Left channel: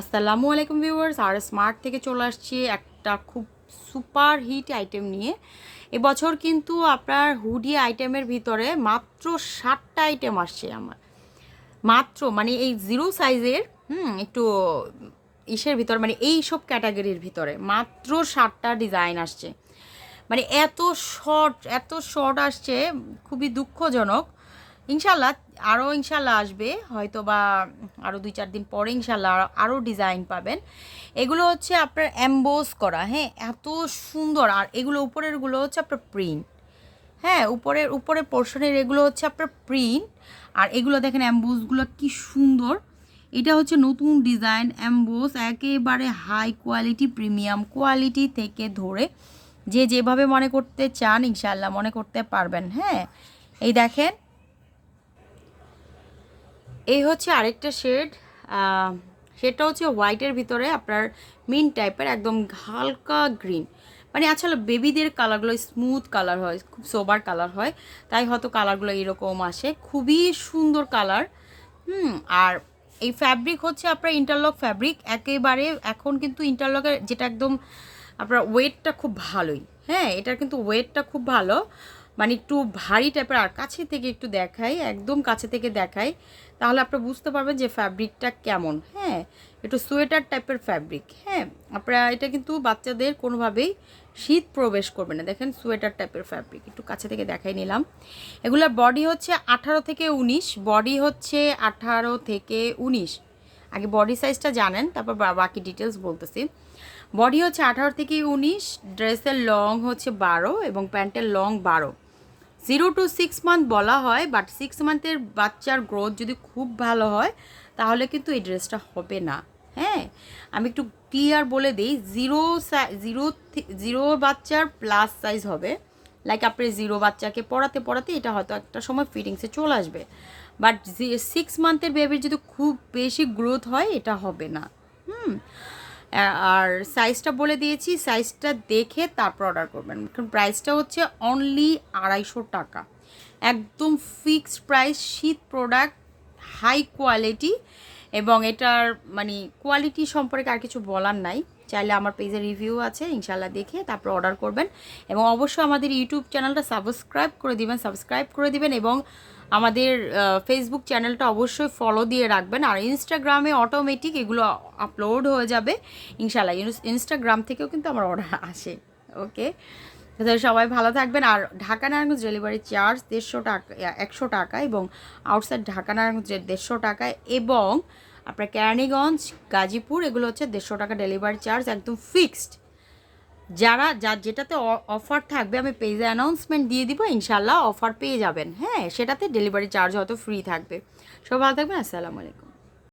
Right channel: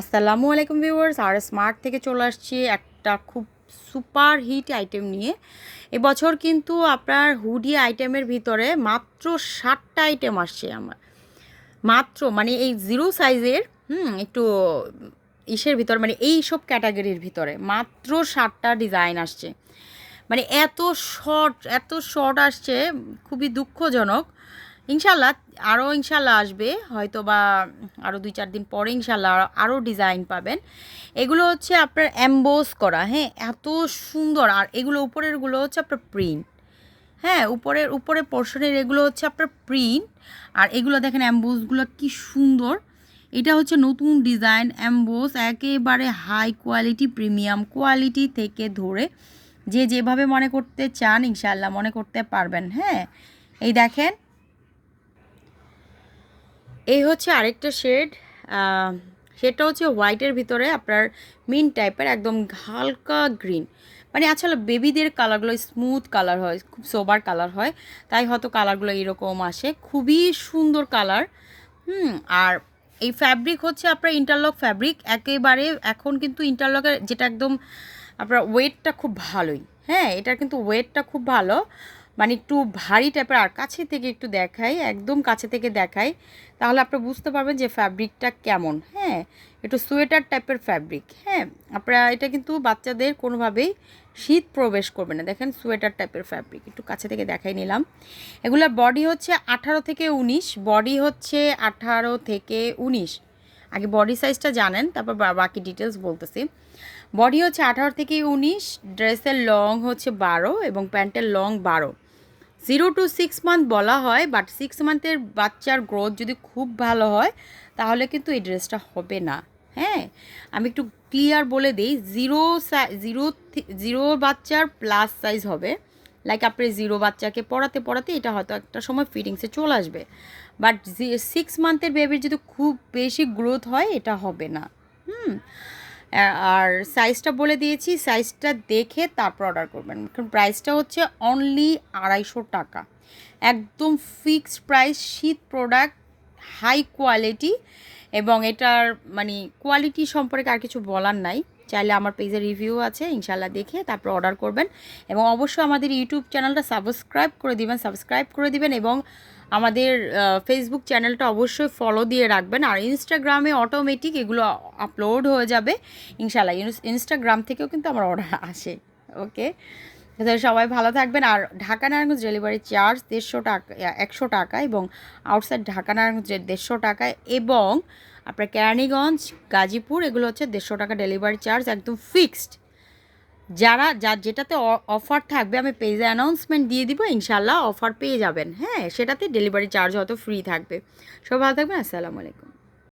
আসসালামু আলাইকুম ভিউয়ার্স, আর স্মার্ট থেকে চলে আসছি একটা খুব সুপার হিট আইটেম নিয়ে। এবছর কিন্তু আপনার হুডি আইটেমের ভিতরে মাত্র 7টা আইটেম আসছে আমার। মাত্র মানে এই জিরো সাইজের একটু ইসের ভিতর মানে এই সব ক্যাটাগরির ভিতরে মাত্র 7টা ডিজাইন আসছে। মানে এত শর্ট আসছে, খুবই দুঃখজনক। ইনশাল্লাহ ইনশাল্লাহ আসবে, হয়তো বা আরও 2-4 দিন পরে ইনশাল্লাহ আরও ডিজাইন পাবেন। এগুলো হচ্ছে আপনার অ্যাম্বোস করা, হ্যাঁ, এত সুন্দর। আর এগুলো উপরেরগুলো হচ্ছে আপনার প্রিন্ট, হ্যাঁ, উপরের পোর্শনের এগুলো হচ্ছে আপনার প্রিন্ট। আর এগুলো দেখেন অ্যাম্বোসগুলো কি সুন্দর। এটা হচ্ছে নতুন ডিজাইন অ্যাম্বোস, একেবারে হাই কোয়ালিটি, প্রিমিয়াম কোয়ালিটি থেকে ধরে যে যেভাবে মনে করতে চান ইনশাল্লাহ মনে করতে পারবেন। হ্যাঁ, এই দেখেন, এই হচ্ছে আরেকটা শেড। শেডটা হচ্ছে হোয়াইটের ভিতরে আপনার মিন টাইপের, একদম হালকা গ্রিন। মানে আসলে বেবিদের কালারগুলো স্মুথ কালার হয়, খুব সোবার কালার হয়, তাই হয়তো কালারগুলো এরকম আসে। খুবই সুন্দর কালার। আর এই ফ্যাব্রিক হচ্ছে আপনার ইন্টারলক ফ্যাব্রিক একেবারে। এখন কিন্তু ইন্টারলকের যেটা একদম আপনার ওয়েটটা খুব ভালোই, হ্যাঁ, এটার কিন্তু ওয়েটটা খুব ভালো, মানে একটু ভারী টাইপের। আর কাছে থেকে একটু দেখাই, একদম কাছে থেকে দেখাই, তাহলে আপনি বুঝতে পারবেন যে ফ্যাব্রিকটা কেমন। হ্যাঁ, একটু সোয়েটার টাইপের ফ্যাব্রিক। হ্যাঁ, আপনারা এটা কিন্তু বাচ্চাদের কোনোভাবেই শীত প্রবেশ করবে না। দেখেন সোয়েটার টাইপের ফ্যাব্রিক, একটু কাছে থেকে দেখাই নিলাম। এগুলোর বডি হচ্ছে 18 থেকে 19, বডি হচ্ছে 18 থেকে 19। আগে বডি সাইজটা জানেন, তারপর বাকি ডিটেলস বলতেছি। বডি হচ্ছে 18 থেকে 19, ড্রেসের লং হচ্ছে 12 এবং প্যান্টের লং 12। 0 to 6 মান্থ বলা হয়, বাট 6 মান্থের বাচ্চার গ্রোথ যদি খুব ভালো হয় তাহলে কিন্তু এই ড্রেসটা হবে না। হ্যাঁ, আমি একটু ক্লিয়ার বলে দিই, জিরো বাচ্চার প্লাস সাইজ হবে। লাইক আপনি জিরো বাচ্চাকে পড়াতে পড়াতে এটা হয়তো একটা সময় ফিটিংসে চলে আসবে, বাট 6 মান্থের বেবির যদি খুব বেশি গ্রোথ হয় এটা হবে না। হুম, আর সাইজটা বলে দিয়েছি, সাইজটা দেখে তারপর অর্ডার করবেন। কারণ প্রাইসটা হচ্ছে অনলি 250 টাকা, একদম ফিক্সড প্রাইস। শীত প্রোডাক্ট, হাই কোয়ালিটি, এবং এটার মানে কোয়ালিটি সম্পর্কে আর কিছু বলার নাই। চাইলে আমার পেজে রিভিউ আছে, ইনশাল্লাহ দেখে তারপর অর্ডার করবেন। এবং অবশ্যই আমাদের ইউটিউব চ্যানেলটা সাবস্ক্রাইব করে দিবেন এবং আমাদের ফেসবুক চ্যানেলটা অবশ্যই ফলো দিয়ে রাখবেন। আর ইনস্টাগ্রামে অটোমেটিক এগুলো আপলোড হয়ে যাবে ইনশাল্লাহ। ইনস্টাগ্রাম থেকেও কিন্তু আমার অর্ডার আসে। ওকে, সবাই ভালো থাকবেন। আর ঢাকা নারায়ণগঞ্জ ডেলিভারি চার্জ 150 টাকা, 100 টাকা, এবং আউটসাইড ঢাকা নারায়ণগঞ্জ 150 টাকা, এবং আপনার কেরানীগঞ্জ, গাজীপুর এগুলো হচ্ছে 150 টাকা ডেলিভারি চার্জ, একদম ফিক্সড। যার যেটাতে অফার থাকবে আমি পেজে অ্যানাউন্সমেন্ট দিয়ে দিব, ইনশাল্লাহ অফার পেয়ে যাবেন। হ্যাঁ, সেটাতে ডেলিভারি চার্জ হয়তো ফ্রি থাকবে। সবাই ভালো থাকবেন, আসসালামু আলাইকুম।